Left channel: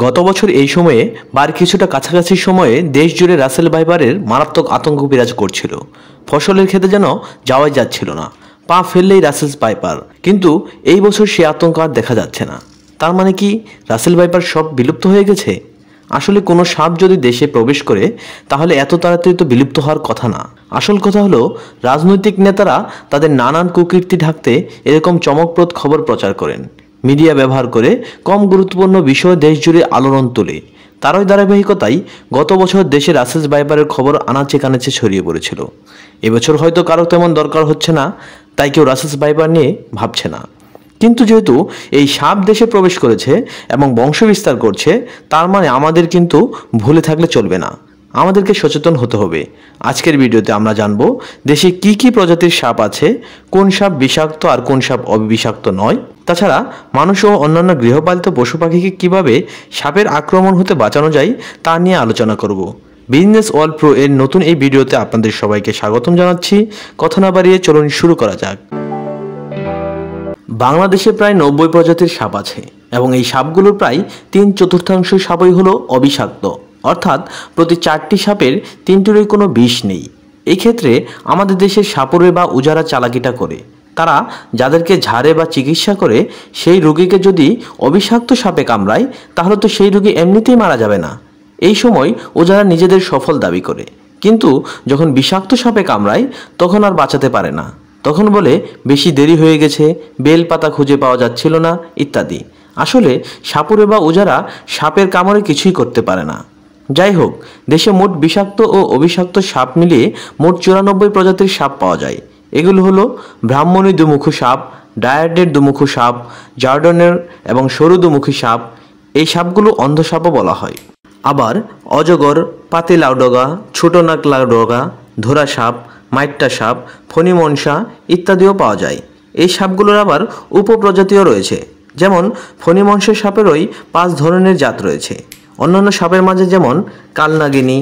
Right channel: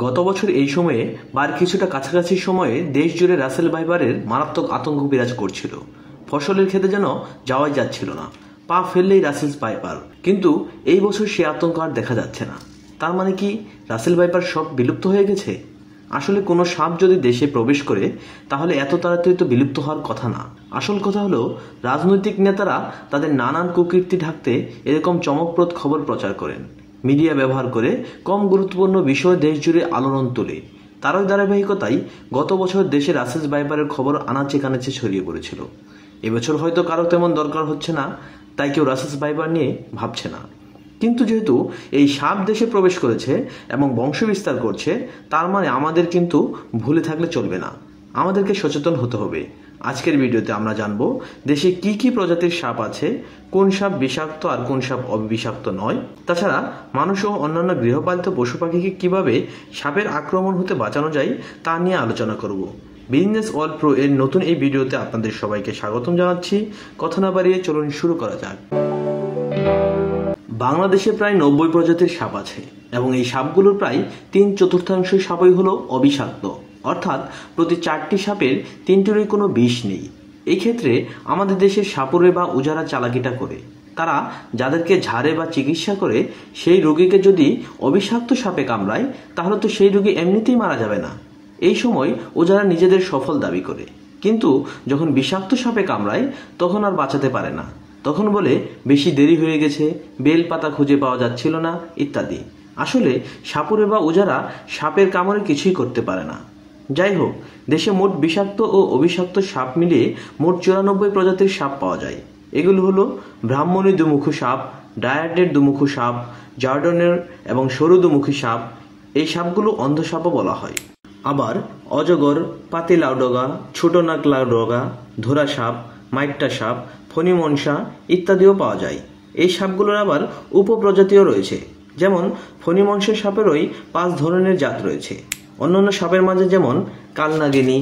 গত বছর এই সময়ে বার কিছুটা কাছাকাছি সময়ে দেশ জুড়ে রাসেল ভাইপারের মারাত্মক আতঙ্ক বিরাজ করছিল। ফসলের ক্ষেতে যেন যাওয়াই যাচ্ছিল না, পা ফেললেই রাসেল ভাইপার। কিন্তু এই বছর সে আতঙ্ক আর দেখা যাচ্ছে না। তার মানে কি রাসেল ভাইপার সব বিলুপ্ত হয়ে গেছে? আসলে কোনো সাপ যদি দেশে প্রবেশ করে তাহলে এত তাড়াতাড়ি তো বিলুপ্ত হওয়ার কথা না। আসল কথা হলো রাজনৈতিক নেতারা তাদের নানান কুকীর্তি ঢাকতে এরকম চমকপ্রদ খবর প্রচার করেন। মিডিয়া ব্যবহার করে কম গুরুত্বপূর্ণ বিষয় দেশ জুড়ে আলোড়ন তোলে। তারই ধারাবাহিকতায় গত বছর দেশে রাসেল ভাইপারের খবর আনাচে কানাচে ছড়িয়ে পড়েছিল। এবছর হয়তো কারো তেমন দরকার হচ্ছে না, তাই কেউ রাসেল ভাইপার নিয়ে ভাবছে না। কিন্তু যেহেতু এই সাপ দেশে প্রবেশ করেছে এবং বংশবিস্তার করছে, তার মানে আমাদের কিন্তু ভুলে থাকলে চলবে না, আমাদেরকে সচেতন হতে হবে। আজকের ভিডিওতে আমরা জানবো দেশে কি কি প্রজাতির সাপ আছে, কোন সাপ বিষাক্ত আর কোন সাপ অবিষাক্ত নয়। তাছাড়া মানুষ ও অন্যান্য গৃহপালিত পশু পাখিকে কিভাবে সাপের আক্রমণ হতে বাঁচানো যায় তা নিয়ে আলোচনা করব। বিজনেস ওয়ার্ল্ড প্রো এর নতুন এই ভিডিওতে আপনাদের সবাইকে স্বাগতম জানাচ্ছি। কথা না বাড়িয়ে চলুন শুরু করা যাক। বাংলাদেশে প্রায় 90 প্রজাতির সাপ আছে এবং এই সাপগুলোর প্রায় 3/4 সাপই হলো অবিষাক্ত, অর্থাৎ প্রতি 4টি সাপের 3টিরই কোনো বিষ নেই। এই ক্ষেত্রে আমাদের দেশের সাপুরে বা উজারা চালাকিটা করে তারা যাদেরকে ঝাড়ে বা চিকিৎসা করে সেই রোগীকে যদি অবিষাক্ত সাপে কামড়ায় তাহলে তো সেই রোগী এমনিতেই মারা যাবে না। এই সময় ওজারা নিজেদের সফল দাবি করে, কিন্তু যখন বিষাক্ত সাপে কামড়ায় তখন আর বাঁচাতে পারে না। তখন বলে বেশি দেরি হয়ে গেছে, বেল পাতা খুঁজে পাওয়া যাচ্ছিল না ইত্যাদি। আসলে সাপুরে বা ওজারা সাপের কামড়ে কিছুই করতে পারে না। যাই হোক, দেশে মোট বিষাক্ত ও অবিষাক্ত সাপ মিলিয়ে মোট 94 প্রজাতির সাপ পাওয়া যায়। এগুলো হলো ব্রাহ্মণী দুমুখো সাপ, ডায়াডের দুমুখো সাপ, জার্ডনের এবং সরু দুমুখী সাপ। এই সাপগুলো অন্ধ সাপও বলা হয়। আবার অজগর, পাতি লাউডগা, ছোট নাক লাউডগা, ধরা সাপ, মাইট্টা সাপ, ফণিমনসা ইত্যাদিও পাওয়া যায়। এই সাপগুলোর আবার উপপ্রজাতিও রয়েছে, যেমন ফণিমনসা সাপেরই 5 ধরনের জাত রয়েছে। অন্যান্য সাপের মাঝে যেমন কালনাগিনী,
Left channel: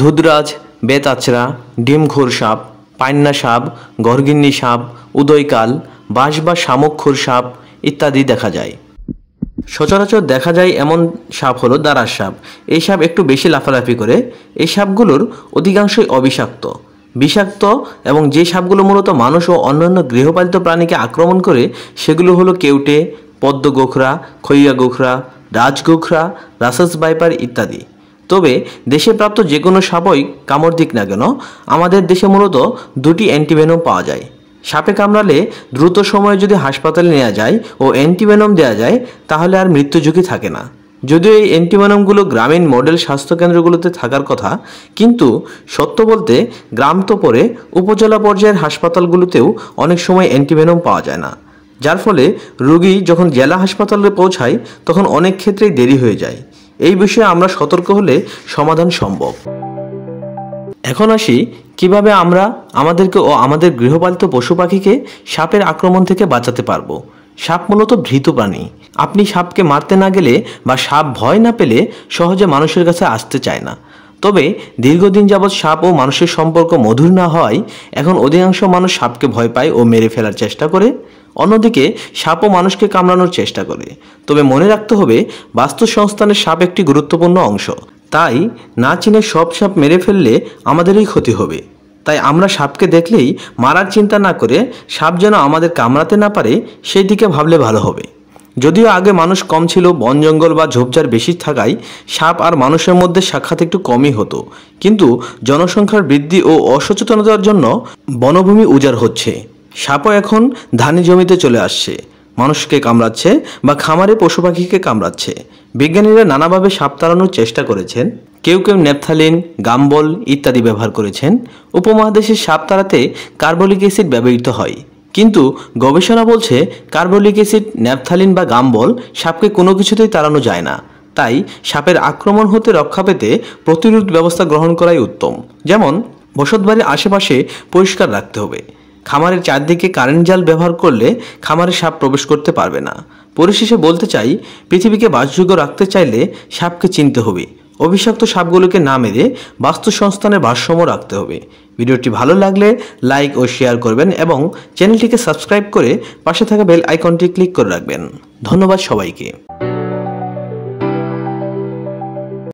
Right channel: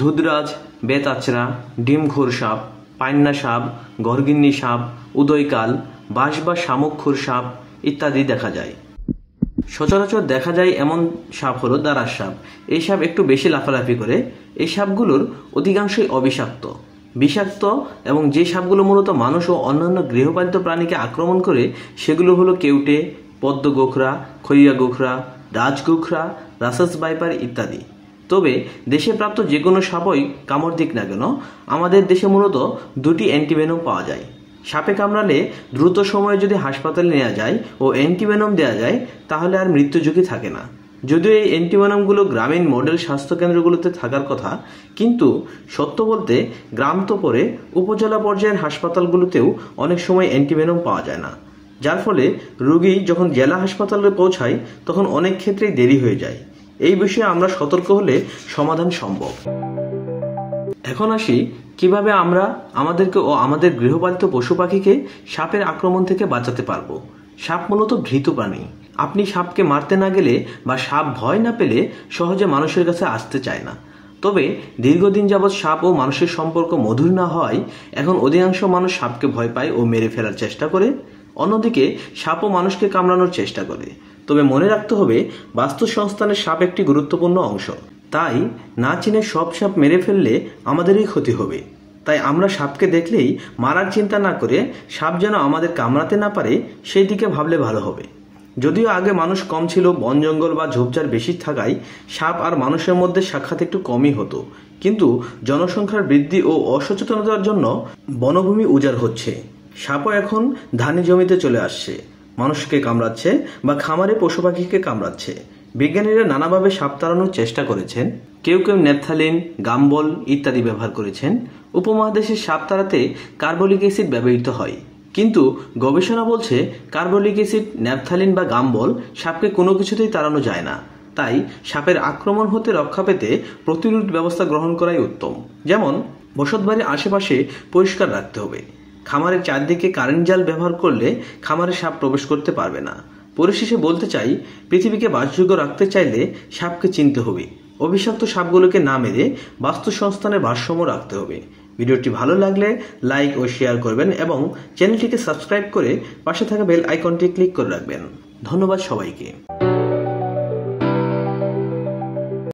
ধুদরাজ, বেতাচরা, ডিমখোর সাপ, পাইন্না সাপ, গরগিন্নি সাপ, উদয়কাল, বাঁশ বা শামুকখোর সাপ ইত্যাদি দেখা যায়। সচরাচর দেখা যায় এমন সাপ হলো দারাস সাপ। এই সাপ একটু বেশি লাফালাফি করে। এই সাপগুলোর অধিকাংশই অবিষাক্ত। বিষাক্ত এবং যে সাপগুলো মূলত মানুষ ও অন্যান্য গৃহপালিত প্রাণীকে আক্রমণ করে সেগুলো হলো কেউটে, পদ্ম গোখরা, খইয়া গোখরা, রাজগোখরা, রাসেল ভাইপার ইত্যাদি। তবে দেশে প্রাপ্ত যে কোনো সাপই কামড় দিক না কেন, আমাদের দেশে মূলত 2টি অ্যান্টিভেনম পাওয়া যায়। সাপে কামড়ালে দ্রুত সময়ে যদি হাসপাতালে নেওয়া যায় ও অ্যান্টিভেনম দেওয়া যায় তাহলে আর মৃত্যু ঝুঁকি থাকে না। যদিও এই অ্যান্টিভেনমগুলো গ্রামীণ মডেল স্বাস্থ্যকেন্দ্রগুলোতে থাকার কথা, কিন্তু সত্য বলতে গ্রাম তো পরে উপজেলা পর্যায়ের হাসপাতালগুলোতেও অনেক সময় অ্যান্টিভেনম পাওয়া যায় না, যার ফলে রোগী যখন জেলা হাসপাতালে পৌঁছায় তখন অনেক ক্ষেত্রেই দেরি হয়ে যায়। এই বিষয়ে আমরা সতর্ক হলে সমাধান সম্ভব। এখন আসি কিভাবে আমরা আমাদেরকে ও আমাদের গৃহপালিত পশু পাখিকে সাপের আক্রমণ থেকে বাঁচাতে পারবো। সাপ মূলত ভীত প্রাণী। আপনি সাপকে মারতে না গেলে বা সাপ ভয় না পেলে সহজে মানুষের কাছে আসতে চায় না। তবে দীর্ঘদিন যাবৎ সাপ ও মানুষের সম্পর্ক মধুর না হয় এখন অধিকাংশ মানুষ সাপকে ভয় পায় ও মেরে ফেলার চেষ্টা করে। অন্যদিকে সাপও মানুষকে কামড়ানোর চেষ্টা করে। তবে মনে রাখতে হবে বাস্তুসংস্থানের সাপ একটি গুরুত্বপূর্ণ অংশ। তাই না চিনে সব সাপ মেরে ফেললে আমাদেরই ক্ষতি হবে। তাই আমরা সাপকে দেখলেই মারার চিন্তা না করে সাপ যেন আমাদের কামড়াতে না পারে সেই দিকে ভাবলে ভালো হবে। যদিও আগে মানুষ কম ছিল, বন জঙ্গল বা ঝোপঝাড় বেশি থাকায় সাপ আর মানুষের মধ্যে সাক্ষাৎ একটু কমই হতো, কিন্তু জনসংখ্যার বৃদ্ধি ও অসচেতনতার জন্য বনভূমি উজাড় হচ্ছে। সাপও এখন ধানি জমিতে চলে আসছে, মানুষকে কামড়াচ্ছে বা খামারে পশু পাখিকে কামড়াচ্ছে। বিজ্ঞানীরা নানাভাবে সাপ তাড়ানোর চেষ্টা করেছেন। কেউ কেউ ন্যাপথালিন, গাম্বল ইত্যাদি ব্যবহার করেছেন। উপমহাদেশে সাপ তাড়াতে কার্বলিক অ্যাসিড ব্যবহৃত হয়, কিন্তু গবেষণা বলছে কার্বলিক অ্যাসিড, ন্যাপথালিন বা গাম্বল সাপকে কোনো কিছুতেই তাড়ানো যায় না। তাই সাপের আক্রমণ হতে রক্ষা পেতে প্রতিরোধ ব্যবস্থা গ্রহণ করাই উত্তম। যেমন বসতবাড়ির আশেপাশে পরিষ্কার রাখতে হবে। খামারের চারদিকে কারেন্ট জাল ব্যবহার করলে খামারে সাপ প্রবেশ করতে পারবে না। পরিশেষে বলতে চাই, পৃথিবীকে বাসযোগ্য রাখতে চাইলে সাপকে চিনতে হবে। অবিষাক্ত সাপগুলোকে না মেরে বাস্তুসংস্থানের ভারসাম্য রাখতে হবে। ভিডিওটি ভালো লাগলে লাইক ও শেয়ার করবেন এবং চ্যানেলটিকে সাবস্ক্রাইব করে পাশে থাকা বেল আইকনটি ক্লিক করে রাখবেন। ধন্যবাদ সবাইকে।